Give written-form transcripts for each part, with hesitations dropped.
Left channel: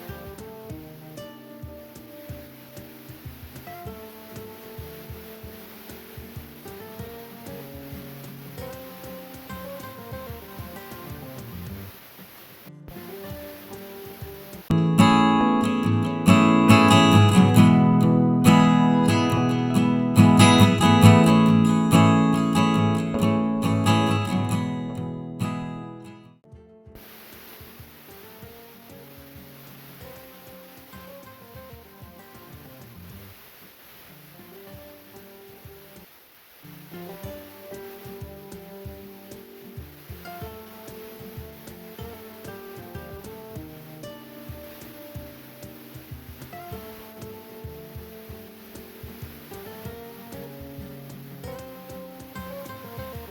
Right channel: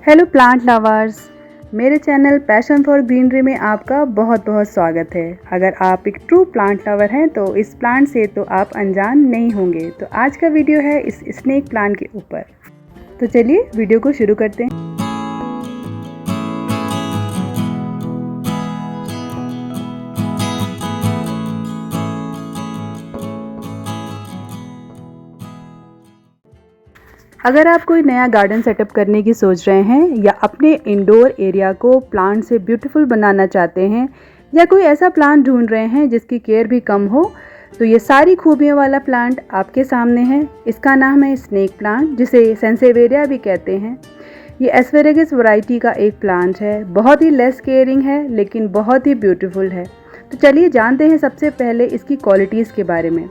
Hello plant lovers, मेरे channel passion for greenery में आपका बहुत बहुत स्वागत है। अगर आप एक ट्रू प्लांट लवर हैं तो इस प्लांट से तो आप अनजान नहीं होंगे। तो आज का वीडियो है इस स्नेक प्लांट के ऊपर। तो चलिए वीडियो को शुरू करते हैं। अगर आप कोई नया गार्डन सेटअप करने की सोच रहे हैं या अपने इंडोर एरिया को प्लांट से ब्यूटीफुल बनाना चाहते हैं या कोई ऐसा प्लांट ढूंढ रहे हैं जिसकी केयर भी कम हो, तो ये सारी खूबियों वाला प्लांट आपके सामने है। इसका नाम है स्नेक प्लांट, जिसे सेंसेवेरिया भी कहते हैं। ये एस्पेरेगस वैरायटी का एक प्लांट है। बहुत ही लेस केयरिंग है लेकिन बहुत ही ब्यूटीफुल है। तो चलिए जानते हैं सबसे पहले इसकी क्वालिटीज़ के बारे में।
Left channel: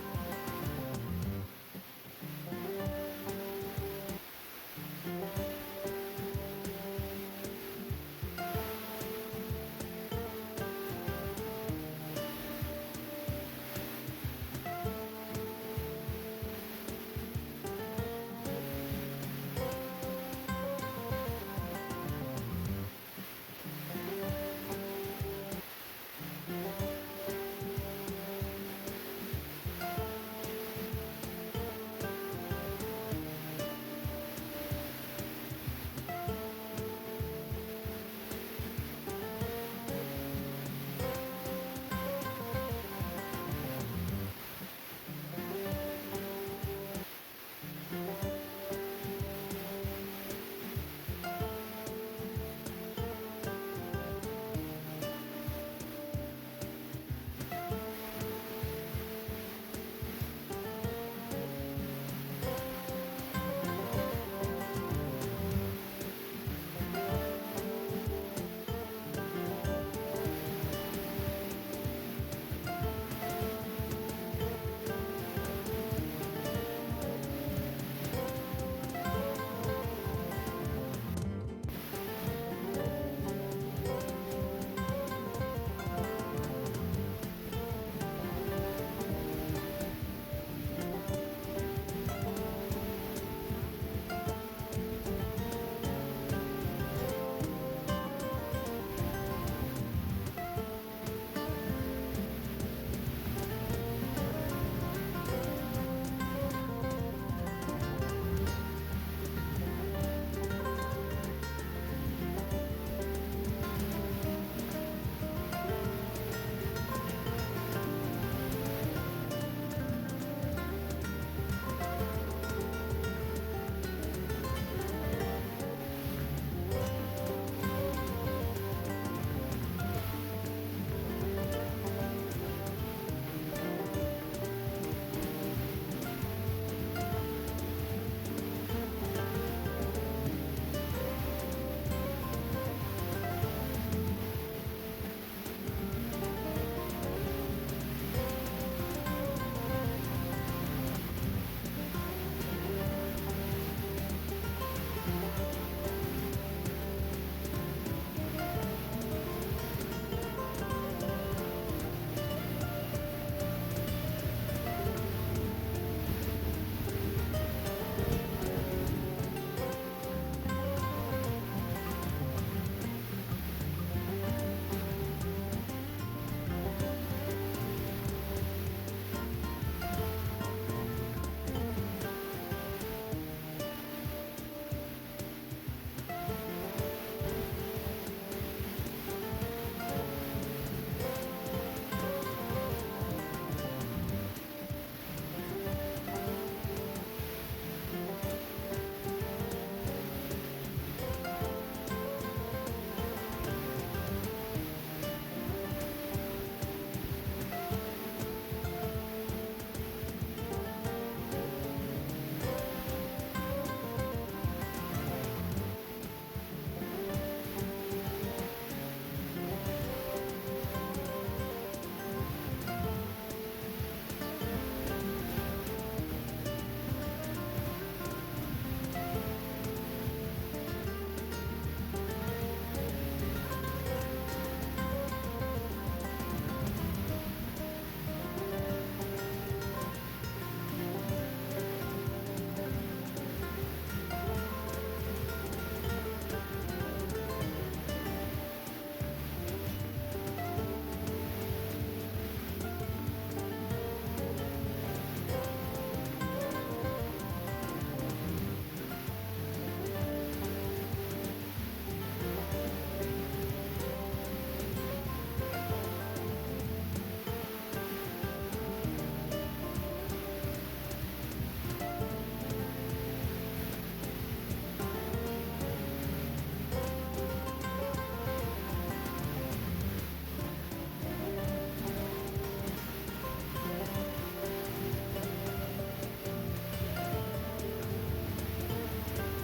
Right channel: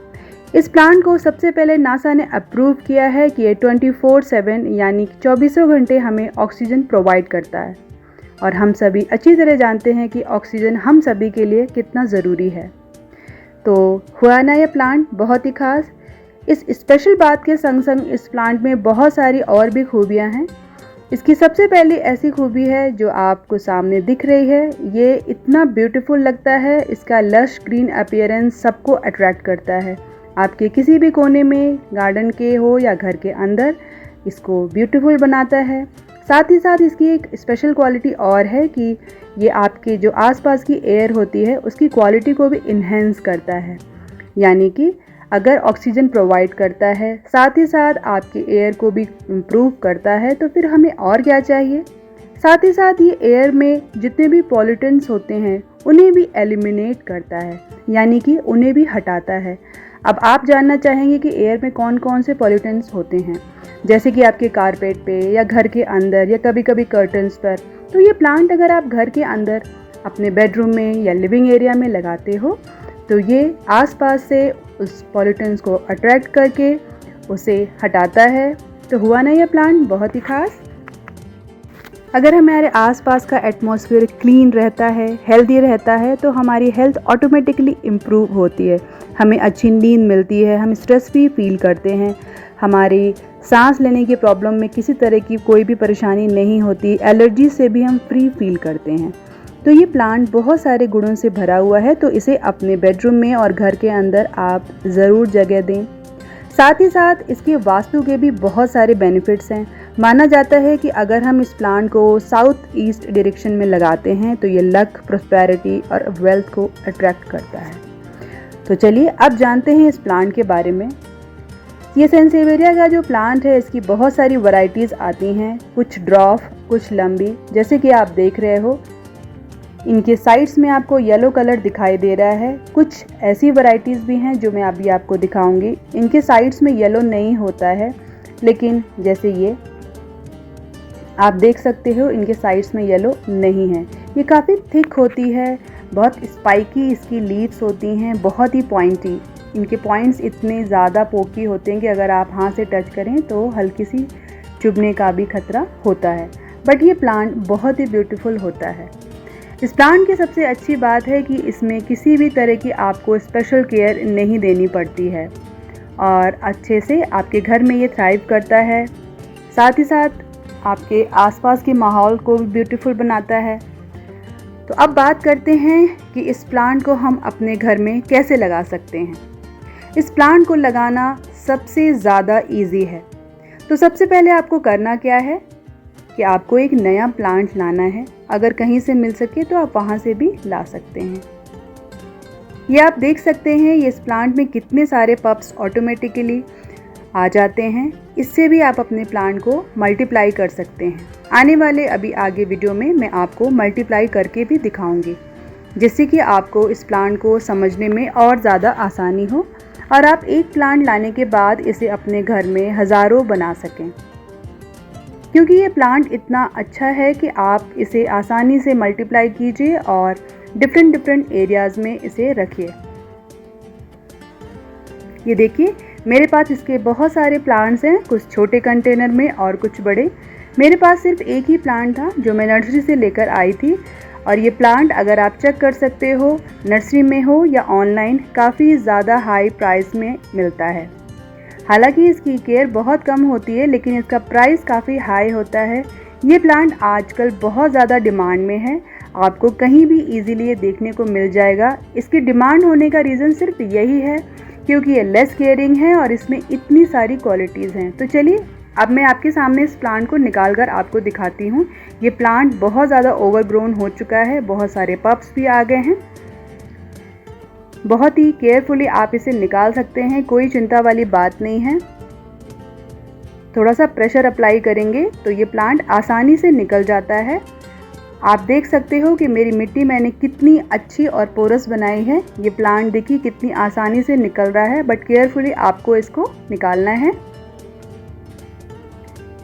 इस प्लांट को सबसे पहले नासा ने अप्रूव किया है कि ये 24/7 यानी 24 घंटे हमें ऑक्सीजन प्रोवाइड करता है। और हम सभी अच्छी तरह जानते हैं कि ऑक्सीजन हम सभी के लिए कितना ज़रूरी है। तो हुआ ना ये प्लांट बहुत ही खास। इस स्पेशल बात के संग संग इस प्लांट में बहुत सारी और भी खूबियाँ हैं। इसकी सबसे पहली ऐसी खूबी है जो आपको सामने दिख रही है। ये इतना ब्यूटीफुल लगता है, इसका लश ग्रीन अपीयरेंस सबको अट्रैक्ट करता है। आपके किसी भी कोने में, गार्डन के हो या घर के अंदर, इसको ब्यूटीफुल बनाता है। साथ ही साथ इसकी एक स्पेशल क्वालिटी और है कि ये आपके जो आसपास की एयर होती है उसकी क्वालिटी को भी इन्हेंस करता है। यानी कि अगर ऑक्सीजन प्रोवाइड करता है, साथ ही साथ आपके एयर को भी इम्प्रूव करता है, तो फिर हमें और क्या चाहिए। साथ ही साथ ये एयर में जितने भी पॉल्यूटेंट्स होते हैं उन्हें भी एलिमिनेट करता है, यानी कि उन्हें भी हटाता है। अब आप जानना चाहेंगे कि एयर में कौन कौन से पॉल्यूटेंट्स होते हैं, जैसे कि आपके कारपेट पे या घर के अंदर या कभी कभी कर्टन्स पर। तो ये प्लांट अगर आप घर के अंदर अपने बेडरूम में या लिविंग एरिया में लगाते हो तो ये आसपास से उस पॉल्यूटेंट्स को अट्रैक्ट करके उसे हटाता है। तो हुआ ना ये प्लांट बहुत ही खास। अगर हमारे आसपास का एटमॉस्फेयर क्लीन रहता है, हेल्दी रहता है, तो हमारी हेल्थ ऑटोमेटिकली इम्प्रूव होती है। हमें अच्छी नींद मिलती है, हम स्ट्रेस फ्री फील करते हैं, हमारी सांस लेने की प्रॉब्लम में किसी तरह की कोई भी परेशानी नहीं होती, एलर्जी से भी हम फ्री फील करते हैं। तो ये प्लांट बहुत सारे गुणों से भरा हुआ है, तो इसे अपने बेडरूम में और घर के अंदर आप ज़रूर जगह दें। साथ ही साथ इसके वास्तु के भी बहुत सारे बेनिफिट्स हैं। माना जाता है कि अगर हम इस प्लांट को साउथ ईस्ट डायरेक्शन में लगाते हैं तो ये लक, प्रॉस्पेरिटी और वेल्थ को अट्रैक्ट करता है। तो चलिए अब जानते हैं इस प्लांट के बारे में। ये सेंसेवेरिया का जो प्लांट है इसकी बहुत सारी वैरायटीज़ आती हैं, कुछ ड्रॉफ, कुछ लंबी, जैसे कि आप देख रहे हो। इनके साइड्स में आपको येलो कलर दिखाई दे रहा है। कुछ ऐसी वैरायटीज़ भी हैं जो मैं अभी आपको दिखाऊंगी। इनके साइड्स में येलो नहीं होता है, लेकिन जैसे ये आप देख सकते हो इनके साइड्स में येलो नहीं है। ये काफ़ी थिक होती है, बहुत स्पाइकी इसकी लीव्स होती हैं, बहुत ही पॉइंटी। इनके पॉइंट्स इतने ज़्यादा पोकी होते हैं कि अगर आप हाथ से टच करें तो हल्की सी चुभने का भी खतरा होता है। बट ये प्लांट बहुत ही ब्यूटीफुल होता है। इस प्लांट की सबसे अच्छी बात है कि इसमें किसी भी तरह की आपको स्पेशल केयर नहीं देनी पड़ती है और अच्छे से आपके घर में ये थ्राइव करता है। साथ ही साथ आपके आसपास के माहौल को भी ब्यूटीफुल बनाता है। तो अब बात करते हैं कि इस प्लांट को हम अपने घर में कैसे लगा सकते हैं। इस प्लांट को लगाना सबसे ज़्यादा इजी है। तो सबसे पहले आपको करना क्या है कि आपको एक नया प्लांट लाना है। अगर कहीं से मिल सके तो आप वहाँ से भी ला सकते हैं। ये आप देख सकते हैं ये इस प्लांट में कितने सारे पप्स ऑटोमेटिकली आ जाते हैं। इससे भी आप अपने प्लांट को मल्टीप्लाई कर सकते हैं। आने वाले अभी आगे वीडियो में मैं आपको मल्टीप्लाई करके भी दिखाऊंगी, जिससे कि आपको इस प्लांट को समझने में और ज़्यादा आसानी हो और आप एक प्लांट लाने के बाद इसे अपने घर में हज़ारों बना सकें। क्योंकि ये प्लांट इतना अच्छा है कि आप इसे आसानी से मल्टीप्लाई कीजिए और डिफरेंट एरियाज़ में इसे रखिए। ये देखिए मेरे पास इसके बहुत सारे प्लांट्स हैं, कुछ छोटे कंटेनर में और कुछ बड़े। मेरे पास सिर्फ एक ही प्लांट था जो मैं नर्सरी से लेकर आई थी। और ये प्लांट अगर आप चेक कर सकते हो, नर्सरी में हो या ऑनलाइन, काफ़ी ज़्यादा हाई प्राइस में मिलता है। हालांकि इसकी केयर बहुत कम होती है लेकिन इसका प्राइस काफ़ी हाई होता है। ये प्लांट आजकल बहुत ज़्यादा डिमांड में है, आपको कहीं भी इजीली ये देखने को मिल जाएगा। इसकी डिमांड होने का रीज़न सिर्फ यही है क्योंकि ये लेस केयरिंग है और इसमें इतनी सारी क्वालिटीज़ हैं। तो चलिए अब मैं आपके सामने इस प्लांट को निकाल कर आपको दिखाती हूँ। ये प्लांट बहुत ज़्यादा ओवरग्रोन हो चुका है, बहुत सारे पप्स भी आ गए हैं। बहुत ही केयरफुली आप इसे निकाल सकते हैं, कोई चिंता वाली बात नहीं है। थोड़ा सा प्रेशर अप्लाई करेंगे तो ये प्लांट आसानी से निकल जाता है। आप देख सकते हो कि मेरी मिट्टी मैंने कितनी अच्छी और पोरस बनाई है। ये प्लांट देखिए कितनी आसानी से निकल रहा है, बट केयरफुली आपको इसको निकालना है।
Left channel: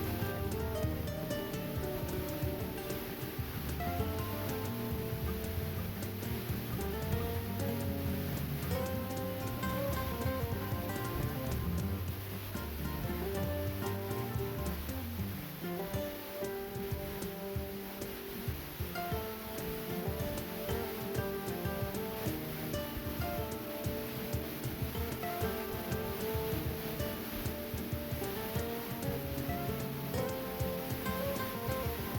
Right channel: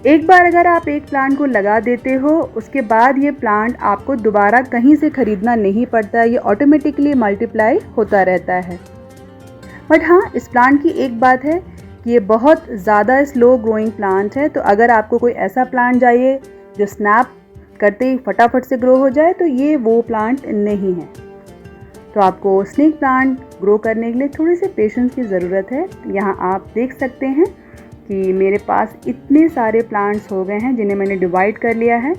एक बार अगर आप एक प्लांट को लगा देते हो, उसके बाद ये प्लांट आपको दोबारा कहीं से ख़रीदना नहीं पड़ता, ये ऑटोमेटिकली मल्टीप्लाई होता रहता है। बट हाँ, इस प्लांट की एक बात है कि ये बहुत ज़्यादा स्लो ग्रोइंग प्लांट है। तो अगर आपको कोई ऐसा प्लांट चाहिए जो स्नैप करते ही फटाफट से ग्रो हो जाए, तो ये वो प्लांट नहीं है। तो आपको स्नेक प्लांट ग्रो करने के लिए थोड़ी सी पेशेंस की ज़रूरत है। यहाँ आप देख सकते हैं कि मेरे पास इतने सारे प्लांट्स हो गए हैं जिन्हें मैंने डिवाइड कर लिया है।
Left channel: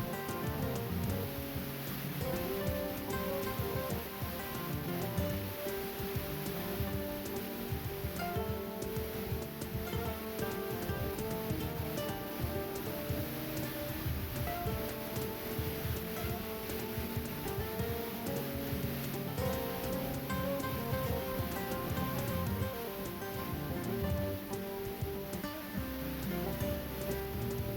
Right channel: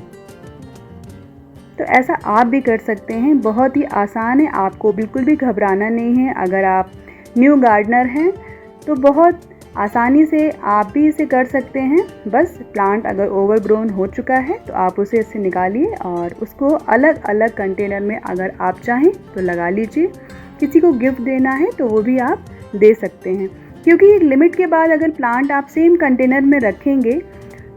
तो ऐसा आप भी कर सकते हैं, बहुत ही आसान है, आपको बिल्कुल भी घबराना नहीं है। अगर आप न्यू गार्डनर हैं तो बहुत आसानी से आप भी इसे कर सकते हैं। बस प्लांट अगर ओवरग्रोन हो चुका है तो आप उसे इससे निकालिए और उसको अलग अलग कंटेनर में अगर आप चाहें तो लगा लीजिए। किसी को गिफ्ट देना है तो वो भी आप दे सकते हैं, क्योंकि एक लिमिट के बाद अगर प्लांट आप सेम कंटेनर में रखेंगे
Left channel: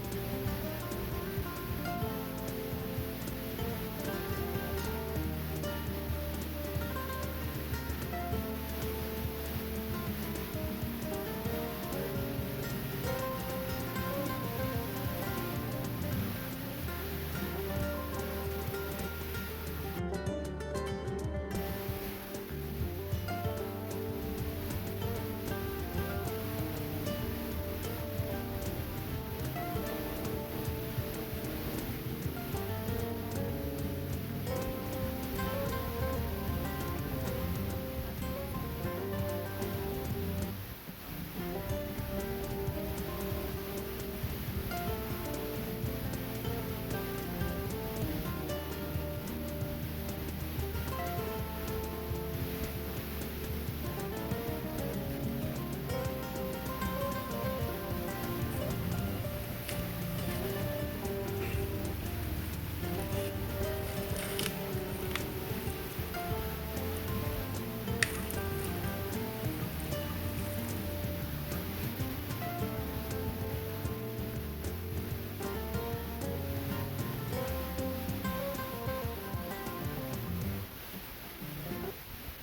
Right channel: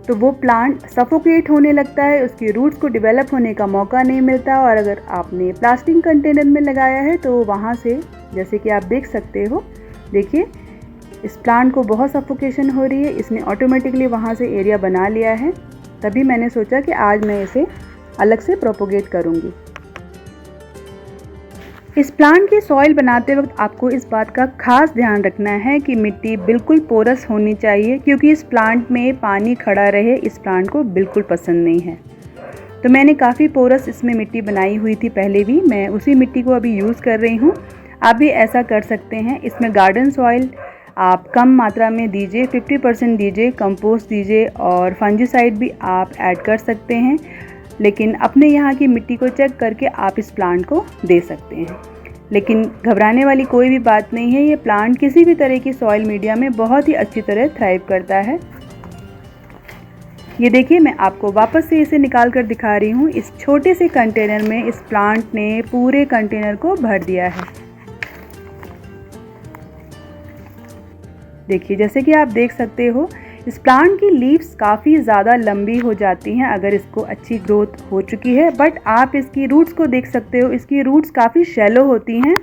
तो वो प्लांट सफोकेट होने लगता है, उसकी रूट्स को डेवलप होने का मौका नहीं मिलता। और अगर आपने प्लास्टिक कंटेनर में लगाया है तो वहाँ से, जैसे कि आप देख सकते हो, देखिए इस प्लांट को बहुत सफोकेशन हो रही है, इसने ऑटोमेटिकली वहाँ से एरिया बना लिया है। तभी मैंने सोचा कि आज मैं इसे अलग से प्रोपोगेट करूँगी। इस प्लांट की सॉइल बनाते वक्त आपको इस बात का खास ध्यान रखना है कि मिट्टी बिल्कुल पोरस होनी चाहिए, क्योंकि इस प्लांट में पानी खड़ा रहे इस प्लांट को बिल्कुल पसंद नहीं है। तो मैंने काफ़ी पोरस इसमें मिट्टी बनाई हुई थी पहले भी, मैं उसी मिट्टी को अभी यूज़ कर रही हूँ। आप भी ऐसा कर सकते हैं। इसमें गार्डन सॉइल आप कम मात्रा में दीजिए, 50% दीजिए, कंपोस्ट दीजिए और फंजीसाइड भी आप ऐड कर सकते हैं। लेकिन अपने यहाँ की मिट्टी को चेक करके आप इस प्लांट को दे सकते हैं। लेकिन घबराने वाली कोई भी बात नहीं है, ये प्लांट किसी भी तरह की सॉइल मीडिया में बहुत ही अच्छी तरह थ्राइव करता है। ये देखिए, मैं आपको वापस से इसे निकाल कर दिखा रही हूँ। इस छोटे से कंटेनर में इस प्लांट ने पूरे कंटेनर को भर दिया है। देखिए, जैसे कि आप देख सकते हो, इस प्लांट की लीव्स काफ़ी ज़्यादा लंबी हो जाती हैं अगर इसको अच्छी ग्रोथ हो चुकी है। बट आप इसकी रूट्स को देख सकते हो, इसकी रूट्स काफ़ी शैलो होती हैं।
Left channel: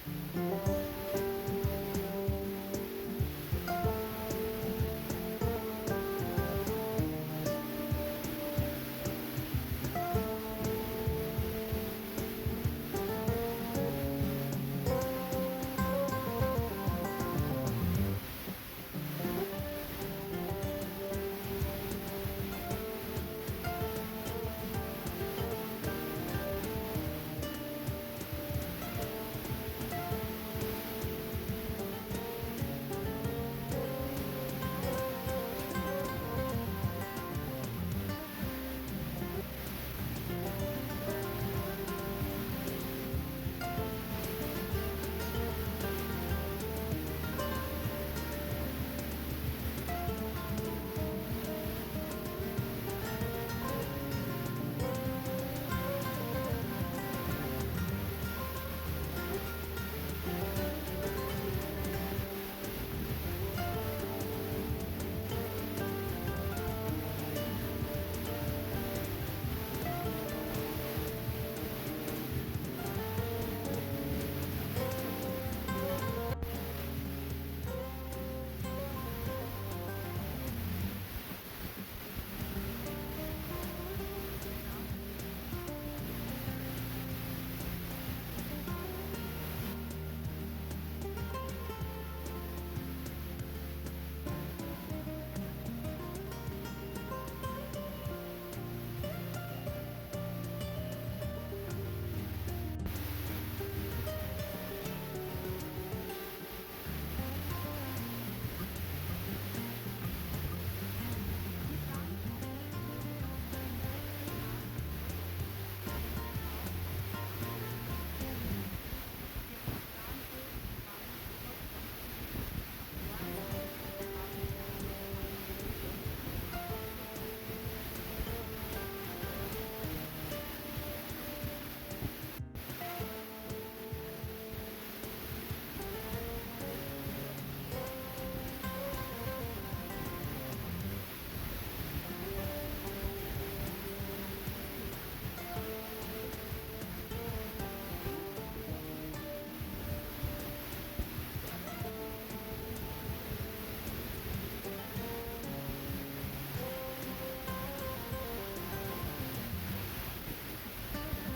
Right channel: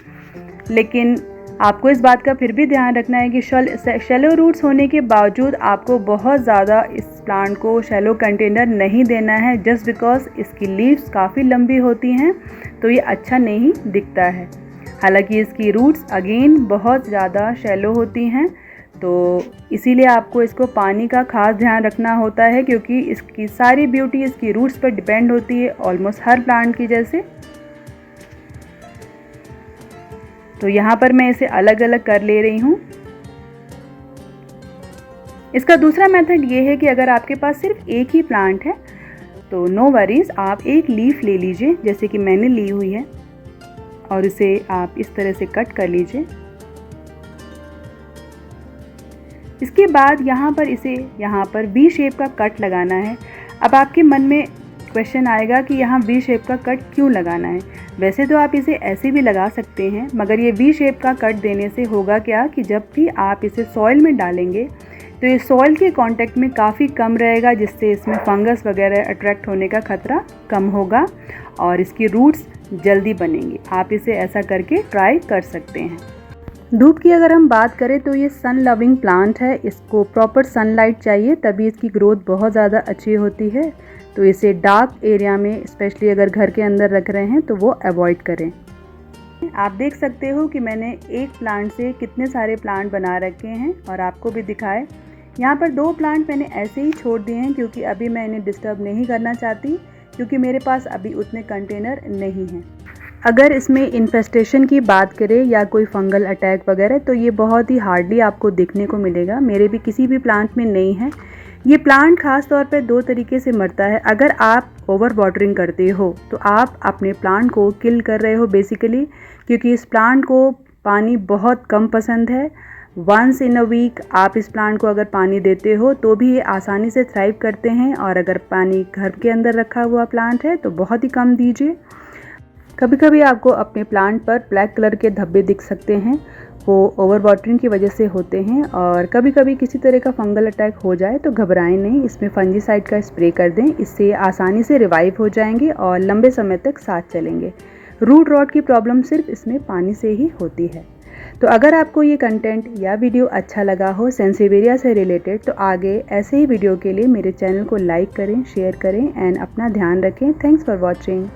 लेकिन आपको इस बात का फिर भी ध्यान रखना है कि शैलो रूट्स होने के बावजूद आपको बहुत ज़्यादा इस प्लांट को शैलो कंटेनर नहीं देना है, जस्ट बिकॉज इसकी लीव्स काफ़ी लंबी होती हैं तो ये अच्छा नहीं दिखता है। हालांकि इसकी रूट्स अगेन बहुत ज़्यादा शैलो होती हैं, तो इसीलिए आपको इसको पानी का खास ध्यान रखना होता है, क्योंकि इसकी सारी ब्यूटी इसकी रूट्स पर डिपेंड होती है, ऑलमोस्ट हर प्लांट की जैसे। तो यहाँ पर मैं इसे अलग अलग कर ले रही हूँ। इसका दूसरा मेथड ये है कि अगर आपके पास सिर्फ एक ही प्लांट है तो नो वरीज, आप एक लीफ ले लीजिए जैसे कि मैंने ली हुई है और इसे आप इस तरह से कट कर लीजिए। इसके बाद यहाँ पर वी शेप का कट लगाना है। अब आपके मन में क्वेश्चन आएगा कि यहाँ वी शेप का कट क्यों लगाना है। वैसे तो आप इसे ऐसे भी लगा सकते हैं, मगर ये वी शेप का कट देने से होगा क्या कि जब भी आप इसे सॉइल में डालेंगे तो ये सॉइल के कांटेक्ट में काफ़ी कम रहेगा, जिससे इसमें फंगस वगैरह अट्रैक्ट होने का खतरा कम होगा और इसकी रूट्स जल्दी बनेंगी। आप इसे ऐसा करके ट्राई कर सकते हैं। धूप की अगर हम बात करें तो ये सन लविंग प्लांट है, इसको प्रॉपर सनलाइट चाहिए तभी इसकी ग्रोथ बहुत ज़्यादा अच्छी होती है। तो इसे डार्क एरिया में, स्पेशली अगर घर के अंदर रख रहे हैं तो वो अवॉइड करें। आप देख सकते हो कि मैंने एक प्लांट से कितने सारे प्लांट बना रखे हैं और आपको भी दिखाए। यहाँ पर 2 प्लांट मैंने ऐसे ही छोड़ दिए हैं क्योंकि अभी मैं इन्हें डिस्टर्ब नहीं करना चाहती, क्योंकि मेरे पास अभी उतने कंटेनर नहीं हैं। अगर इसमें इन्फेस्टेशन की बात करें या कोई फंगल अटैक वगैरह, तो ये बहुत ही हार्डली आपको देखने को मिलेगा। मेरे भी किसी भी प्लांट में नहीं है। ये प्लांट खास तौर पे 2 तरीके से मरता है। अगर आप ओवर वाटरिंग करते हो तो आप अपने प्लांट को किल कर रहे हो बेसिकली, क्योंकि इस प्लांट को पानी बहुत कम पसंद है। वंस इन अ वीक आप इस प्लांट को अगर पानी देते हो तो भी ये आसानी से थ्राइव करते हैं, और अगर पानी घर के अंदर रखा हुआ प्लांट है तो बहुत ही कम दीजिए। कभी कभी आपको अपने प्लांट पर ब्लैक कलर के धब्बे दिख सकते हैं, वो ओवर वाटरिंग की वजह से होते हैं। और कभी कभी किसी तरह का फंगल अटैक हो जाए तो घबराएं नहीं, इसमें फंजीसाइड का स्प्रे कर दें, इससे आसानी से रिवाइव हो जाएंगे और लंबे समय तक साथ चलेंगे। रूट रॉट की प्रॉब्लम सिर्फ इसमें पानी से ही होती है। तो अगर आपको ये कंटेंट या वीडियो अच्छा लगा हो सेंसिवेरिया से रिलेटेड, तो आगे ऐसे ही वीडियो के लिए मेरे चैनल को लाइक करें, शेयर करें एंड अपना ध्यान रखें। Thanks for watching.